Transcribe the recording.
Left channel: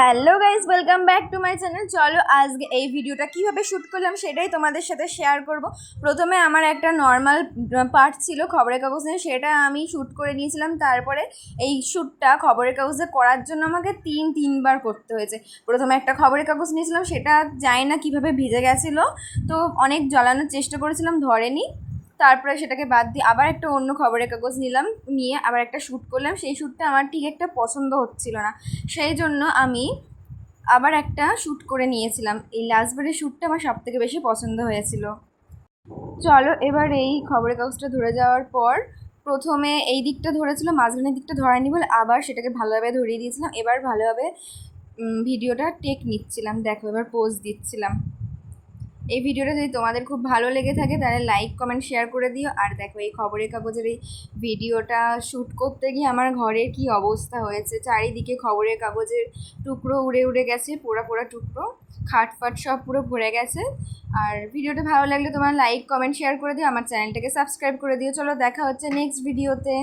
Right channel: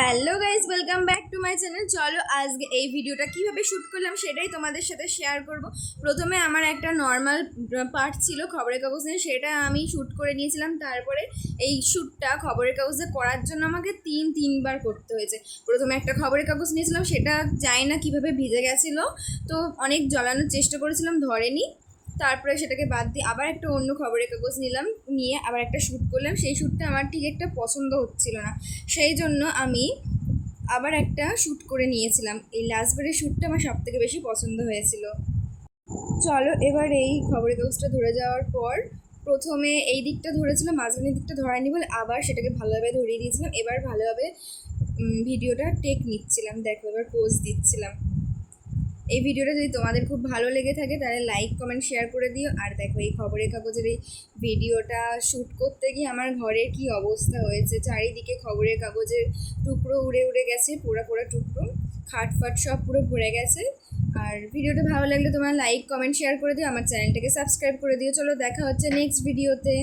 Hello guys, welcome back to my channel. চলো আজকে এই ভিডিওটা কীভাবে শ্যুট করলাম সেটাই তোমাদের সাথে শেয়ার করব। প্রথমে আমার একটা নর্মাল পার্ট ছিল খবরের কাগজ নিয়ে, সেটা আমি শ্যুট করে নিয়েছিলাম। তারপরে এই শ্যুটটা খবরের কাগজে করার জন্য আমাকে তিনবার করতে হয়েছে। প্রথমে একটা খবরের কাগজ নিয়েছিলাম, সেটা জানি না কীভাবে ভিজে গেছিলো, তো অনেক জ্বালানোর চেষ্টা করেছিলাম, ধরেনি। তারপরে সেটাকে বাদ দিয়ে আবার একটা অন্য খবরের কাগজ নিলাম, নিয়ে আবার একটা শ্যুট করলাম। সেই শ্যুটটা আমার ঠিক একটা পছন্দ হচ্ছিল না, সেই জন্য আমি আবার একটা শ্যুট করে নিয়েছিলাম। এই লাস্টবারের শ্যুটটা আমার সবথেকে বেশি পছন্দ হয়েছিল। চলো এবার এই খবরের কাগজটা ধরে যাওয়ার পর প্রথমে এই দিকটা ধরেছিল, মাঝখানের দিকটা ধরায়নি বলে আবার সেটাকে ভালোভাবে ধরিয়ে দিয়েছিলাম। এবার ভালোভাবে ভিডিওটা টেক নিচ্ছিলাম। দেখো এবার পোজ দিচ্ছিলাম। এই ভিডিওটা যদি তোমাদের খুব ভালো লেগে থাকে তাহলে লাইক কমেন্ট শেয়ার করে দিও। আর দেখো এই খবরের কাগজের এই ভিডিওটা শ্যুট করতে গিয়ে আমার ঘরের কি অবস্থা হয়েছে, চারিদিকে খবরের কাগজের টুকরো উড়ে উড়ে গেছে, পোড়া পোড়া টুকরো, খাটফাট সব পুরো ভরে গেছে। আর ভিডিওটা ভালো লাগলে তোমার লাইক কমেন্ট শেয়ার করে দিও, আমার চ্যানেলটাকে সাবস্ক্রাইব করে দিও। চলো দেখা হচ্ছে নেক্সট ভিডিওতে।